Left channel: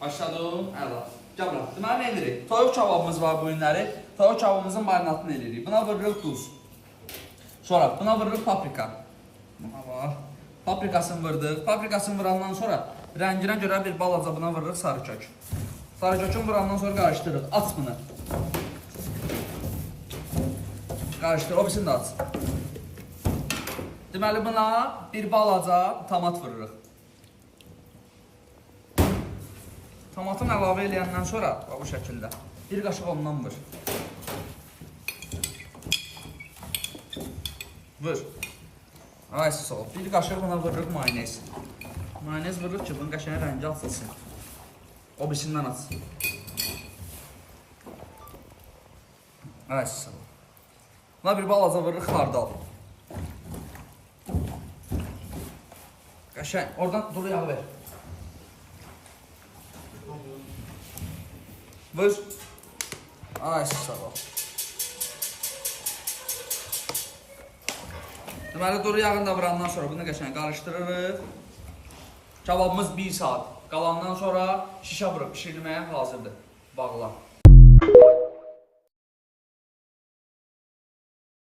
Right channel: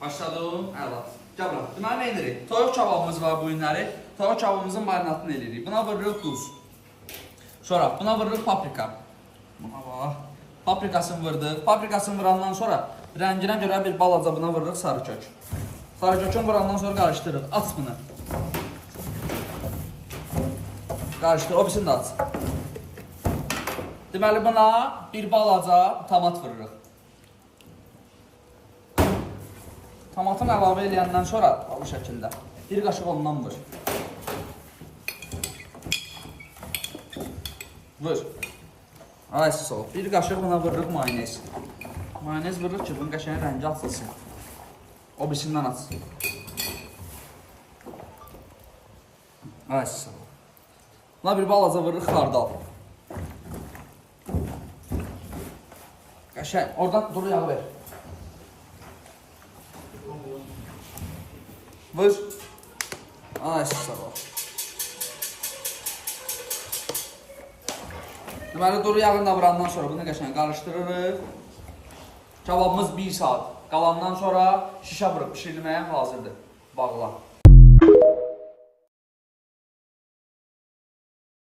Başladım. Əla. Gəl bura. Deməli nə edirik? Toyuq kababımız var bu günləri. Toyuq kababımızın marinatını eləyirik. Buna vururuq duz. Sonra buna vururuq paprika. Buna bax. Paprikasını vurduk. Paprikasını vurandan sonra rənginə görə bir balaca buna vururuq sarı kök. Sarı kökünü vurandan sonra qarışdırırıq. Aç bunu. Qarışdır. O birisini də aç. Deməli buna bir balaca tomat vururuq. Tomatını əlavə eləyəndən sonra bu şəkildə bir qaşıq ondan vur. Vur. Ay sol. Bir qaşıq buna vururuq mayonez. Mayonez vururuq ki, bunun qəşəng rəngi açılsın. O birisindən aç. Ay sol. Buna bir balaca vururuq xardal. Qəşəng. Oradan duru yağı ver. Vur. Ay sağ ol. Deməli duru yağını da vurandan sonra bunu qəşəng qarışdırırıq. Kababımız 1 saat qalandan sonra şişə vurub pişirilməyə hazırdır. Bağla.